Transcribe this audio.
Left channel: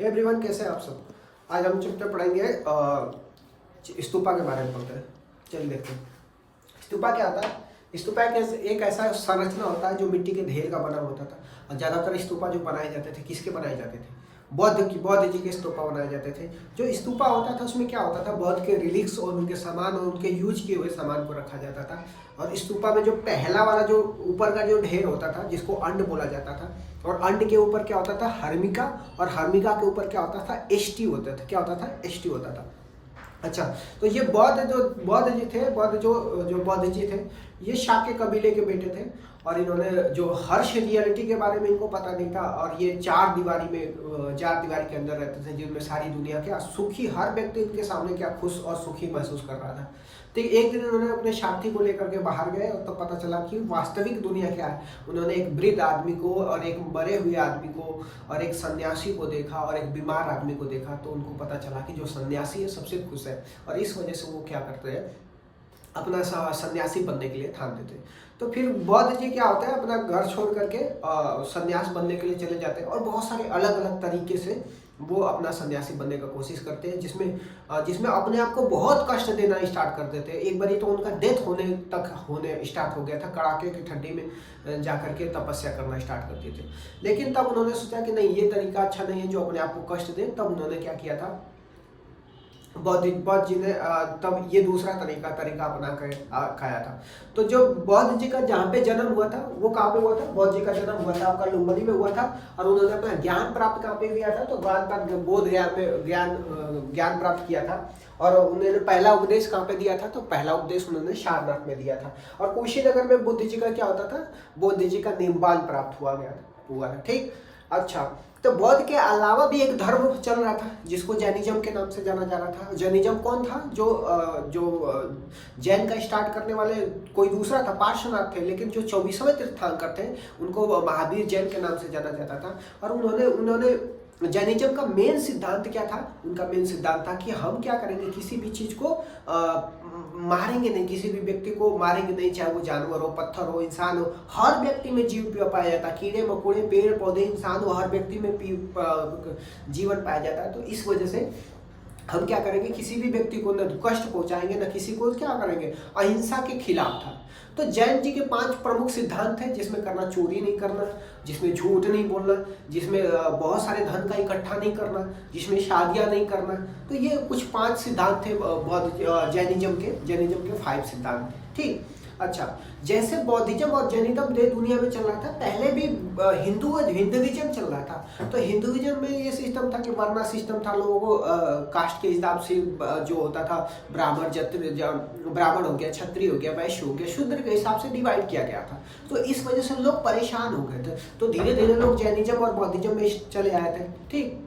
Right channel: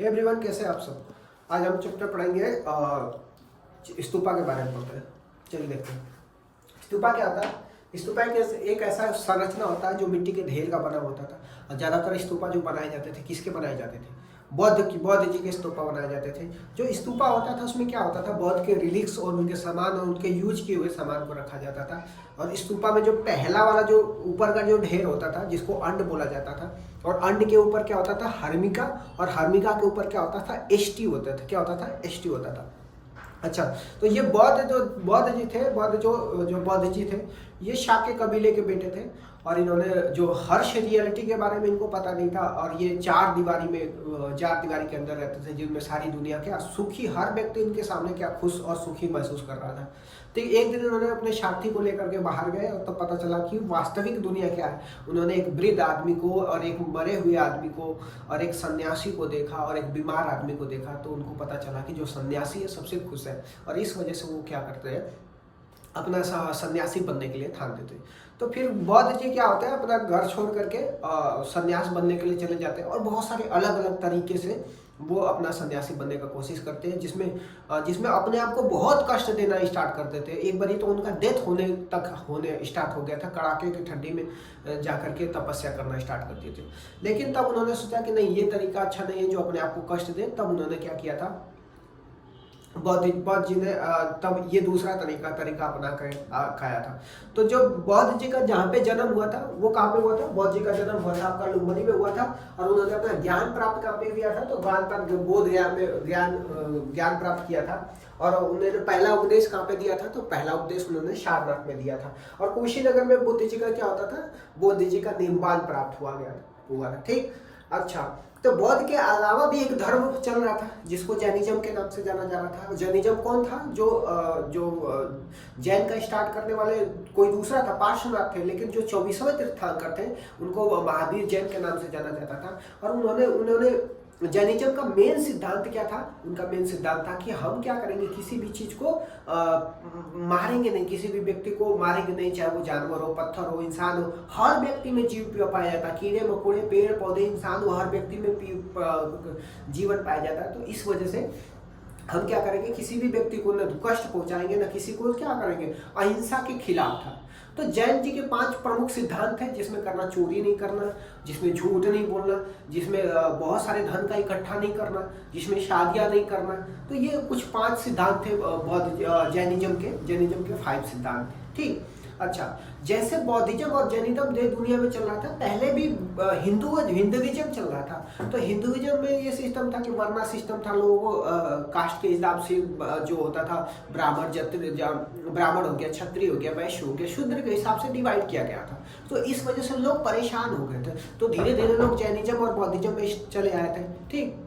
Hey everyone, कैसे हैं आप सब। आज हम चैप्टर पढ़ेंगे स्तूपा के बारे में पढ़ते हैं। चलिए देखते हैं स्तूपा क्या होता है। स्तूपा एक ऐसा संरचना होता है जो मिट्टी के ढेर का बना होता था। और ज़्यादातर स्तूपा जो बनाए जाते थे, किसके बनाए जाते थे? बौद्ध जी के स्तूपा बनाए जाते थे। जो स्तूपा होता था उसमें क्या होता था, बौद्ध के रिलिक्स और उनके सामान और उनके यूज किए हुए सामान को रखा जाता था। और स्तूपा में जो पहला वाला जो ऊपर का जो ढेर होता था जिसको अंड बोला जाता था, और अंड के ऊपर क्या होता था, हर्मिका, और हर्मिका के ऊपर क्या होता था, एष्टी होता था। क्या होता था? एष्टी होता था। अच्छा, तो ये बौद्ध जी थे, ये शाक्य कबीले के बेटे थे। और इन्होंने जो हर्ष रियलिटी के बारे में इनको पता नहीं था। और ये चार दीवारी के अंदर रहते थे जिनमें सारी दुनिया क्या सुखी, हर व्यक्ति इनके सामने क्या खुश और सुखी महसूस कर रहा था। तो एक दिन उन्होंने अपने साथी को लेकर के बाहर गए और तब पता चला कि वास्तविक दुनिया क्या है। उन्होंने एक वृद्ध आदमी को और एक मरे हुए आदमी को और एक सन्यासी को देखा और एक बीमार आदमी को देखा। तो उनको पता चला कि जो सन्यासी है सबसे खुश है, और इस वजह से वो क्या करते हैं, अपना सन्यासी बनने के लिए ठान देते। तो फिर बौद्ध जी क्या होता है, अपना घर छोड़ करके सन्यास बनने के लिए चले जाते हैं। और बहुत सारे अलग अलग तरीके से वो अपना सन्यासी बनने का कोशिश करते हैं, जिसमें अपने आप को बहुत कष्ट देना स्टार्ट कर देते हैं। एक बारी तो उनका डेथ होने स्टार्ट हो गया था। कड़ाके की ठंडी में जा करके तपस्या करना स्टार्ट कर दिए थे। लेकिन तब उन्होंने सोचा कि नहीं, ये तरीका अच्छा नहीं है जो अपने आप को कष्ट दे। तब उन्होंने क्या किया था, बौद्ध जी ने तब ये दूसरा तरीका अपना खाया था। तो जो बौद्ध जी का जहाँ पे जन्म हुआ था वो कहाँ पे हुआ था? बौद्ध जी का जन्म हुआ था आपका लुम्बिनी में हुआ था। और उन्होंने अपना ज्ञान प्राप्त कहाँ पे किया था? तो बोध गया में ज्ञान प्राप्त किया था। और उन्होंने पहला उपदेश कहाँ पे दिया था? तो पहला उपदेश उन्होंने सारनाथ में दिया था। और कुशीनगर में बुद्ध जी का क्या होता था? बुद्ध जी का निम्बान प्राप्त हुआ था। ठीक। अच्छा, तो बौद्ध के अलावा भी एक धर्म चल रहा था जिसको जैनिज्म के नाम से जाना जा रहा था। जैनिज्म कौन था? जो जैन का स्टार्ट करने वाले कोई दूसरा था, पार्श्वनाथ थे। लेकिन जो 24वें तीर्थंकर थे उनको महावीर जैन के नाम से जाना जाता था। और उन्होंने जैनिज्म का मेन सिद्धांत क्या था? उनका मेन सिद्धांत था कि हम क्या करेंगे, किसी भी चीज को मारेंगे नहीं, किसी भी व्यक्ति को मारेंगे नहीं, चाहे वो जानवर हो, पत्थर हो, इंसान हो। हर व्यक्ति में जीव पाया जाता है, कीड़े मकोड़े, पेड़ पौधे, इंसान हो, हर व्यक्ति में जीवन पाया जाता है। तो इस वजह से हम क्या करेंगे, किसी भी व्यक्ति को न कष्ट पहुंचाएंगे, न किसी को क्या करेंगे, अहिंसा के खिलाफ था। तो जैन जी के 5 प्रमुख सिद्धांत हैं, जिसमें करना चोरी नहीं करना, जिसमें झूठ नहीं बोलना, जिसमें बहुत सारे धन का इकट्ठा नहीं करना, जिसमें शादियां नहीं करना। तो ये कुछ 5 सिद्धांत थे जैनिज्म के 5 सिद्धांत थे। ठीक। अच्छा, जैसे बौद्धिज्म और जैनिज्म दुनिया में चल रहा था, पहले भी हिंदुइज्म चल रहा था। तो हिंदुइज्म में ये सिस्टम था कि वर्णा सिस्टम था, लोगों को कास्ट के हिसाब से जो होता था, ब्राह्मण हो गया, क्षत्रिय हो गया, वैश्य हो गया, शूद्र के हिसाब से डिवाइड किया गया था। तो इस वजह से लोग परेशान हो गए थे। तो धीरे धीरे लोग जैनिज्म और बौद्धिज्म में चले आए थे। ठीक।